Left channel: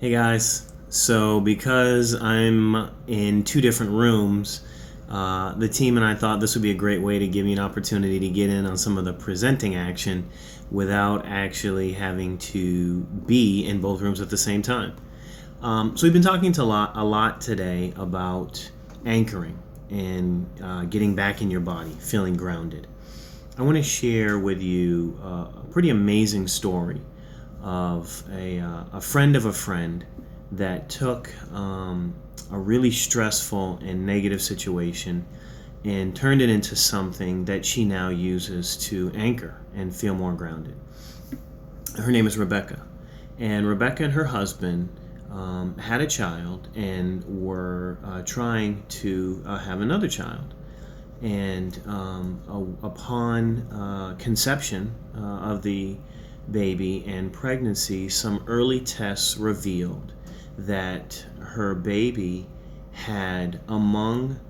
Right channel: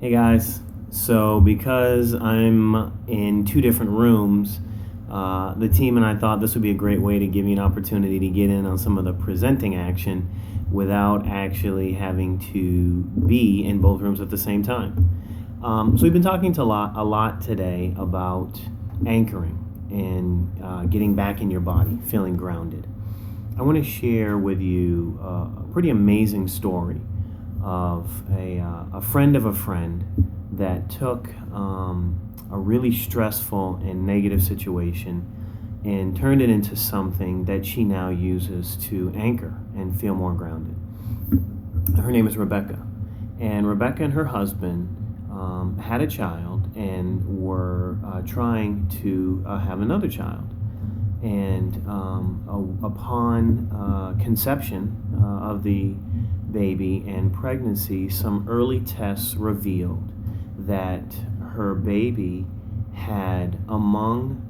Hey guys, so because I'm in two different rooms, the team and I thought this would be a great way to give me an opportunity to get in on some of the presenting action without actually having to be in both rooms at the same time. So we've been talking to a lot today about anchoring and getting back in your body, feeling grounded. I want to share with you a pretty amazing story of a friend of a friend that took a really stressful and negative situation and turned it into something that she now uses to anchor and feel more grounded. Her name is Rebecca, and Rebecca and her husband had a child and were trying to have another child. And upon conception of the baby and pregnancy, some early tests revealed that her baby had, among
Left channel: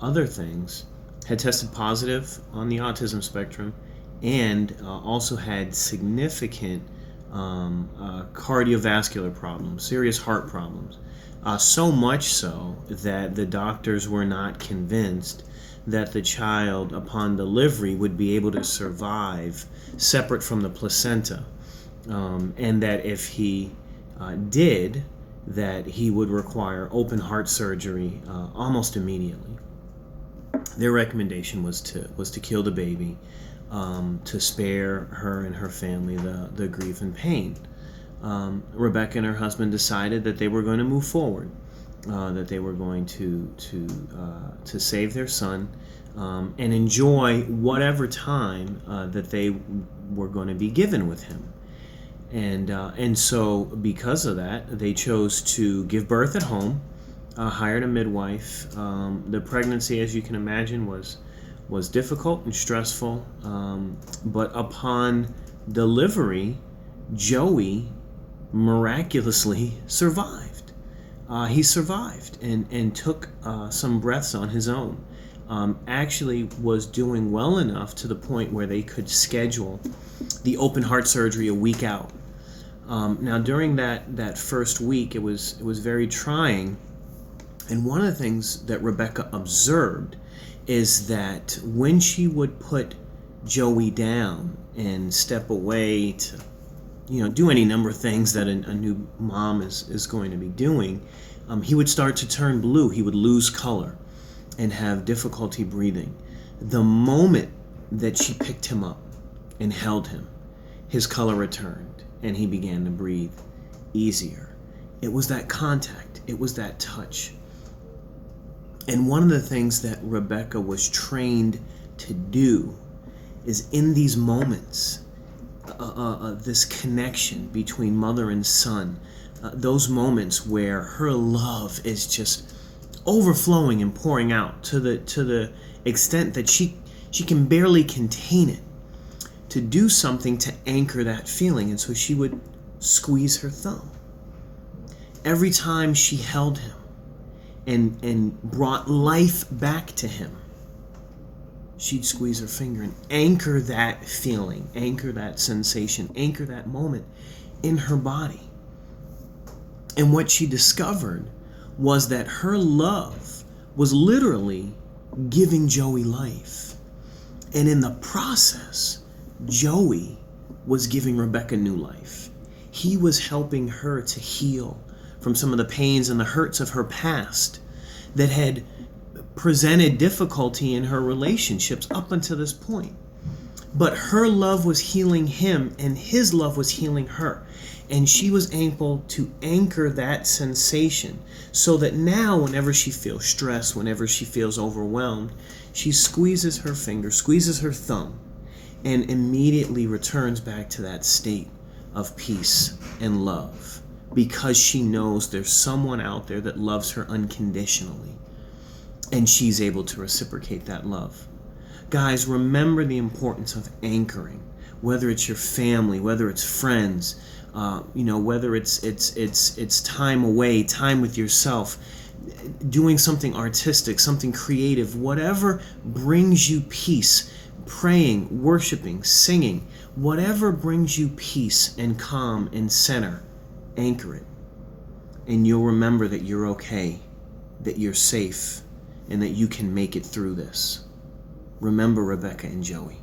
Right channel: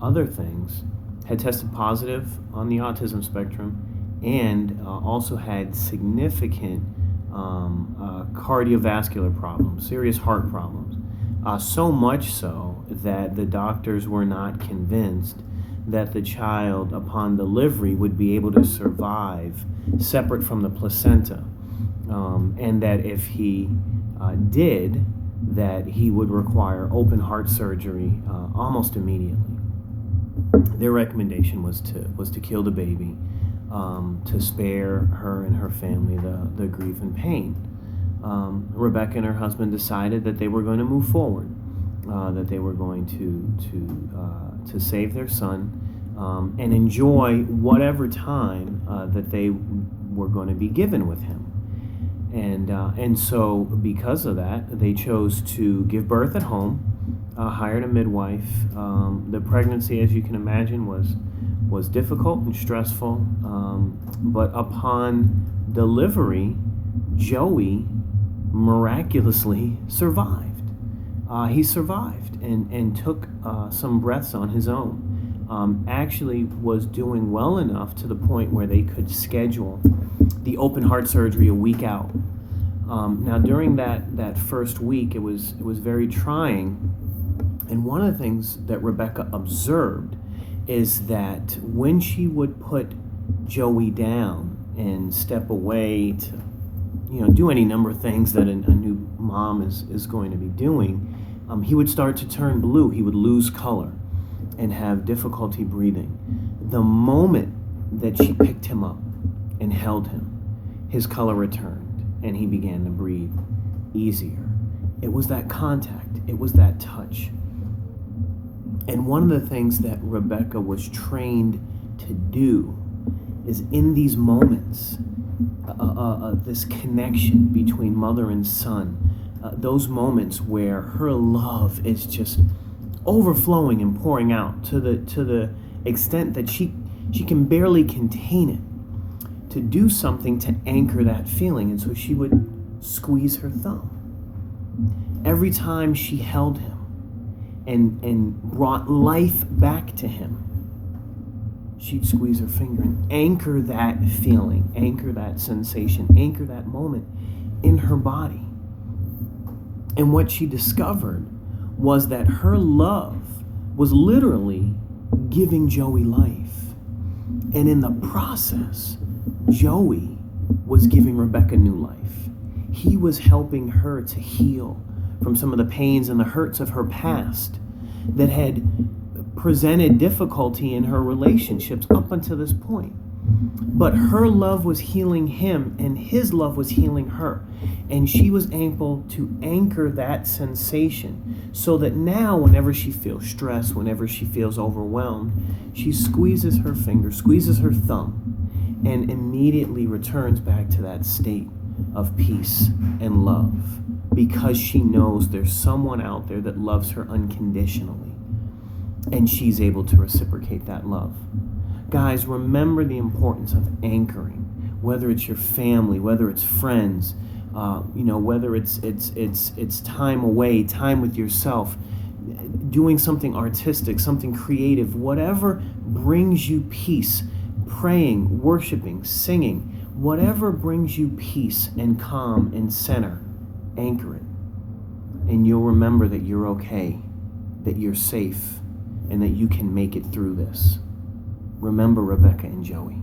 other things, had tested positive on the autism spectrum and also had significant cardiovascular problems, serious heart problems. So much so that the doctors were not convinced that the child, upon delivery, would be able to survive separate from the placenta, and that if he did, that he would require open heart surgery almost immediately. Their recommendation was to kill the baby, to spare her and her family the grief and pain. Rebecca and her husband decided that they were going to move forward, that they were going to save their son, and enjoy whatever time that they were going to be given with him. And so because of that, they chose to give birth at home, hired a midwife. The pregnancy, as you can imagine, was difficult and stressful, but upon delivery, Joey miraculously survived. He survived and took some breaths on his own. Actually was doing well enough to the point where they could schedule the open heart surgery a week out. Now during that first week, it was very trying, and one of the things that Rebecca observed is that when she would put Joey down and step away to do any number of things that a new mom is going to be doing, he would start to turn blue. He would lose color and have difficulty breathing. The moment that she picked him up and held him, his color returned and he began to breathe easier. It was that contact, it was that touch. And one of the things that Rebecca was trained to do is in these moments, this connection between mother and son, those moments where her love is just overflowing and pouring out to the extent that she can barely contain it, to do something to anchor that feeling. And so she would squeeze her thumb every time she held him and brought life back to him. She'd squeeze her finger and anchor that feeling, anchor that sensation, anchor that moment in her body. And what she discovered was that her love was literally giving Joey life. And in the process, Joey was giving Rebecca new life. He was helping her to heal from some of the pains and the hurts of her past that had presented difficulty in her relationships up until this point. But her love was healing him, and his love was healing her. And she was able to anchor that sensation so that now, whenever she feels stressed, whenever she feels overwhelmed, she squeezes her finger, squeezes her thumb, and immediately returns back to that state of peace and love, because she knows there's someone out there that loves her unconditionally, and she's able to reciprocate that love. Guys, remember the importance of anchoring, whether it's your family, whether it's friends, whether it's time away, time with yourself, doing something artistic, something creative, whatever brings you peace, praying, worshiping, singing, whatever brings you peace and calm and center, anchor it. And you'll remember that you're okay, that you're safe, and that you can make it through this. Remember Rebecca and Joey.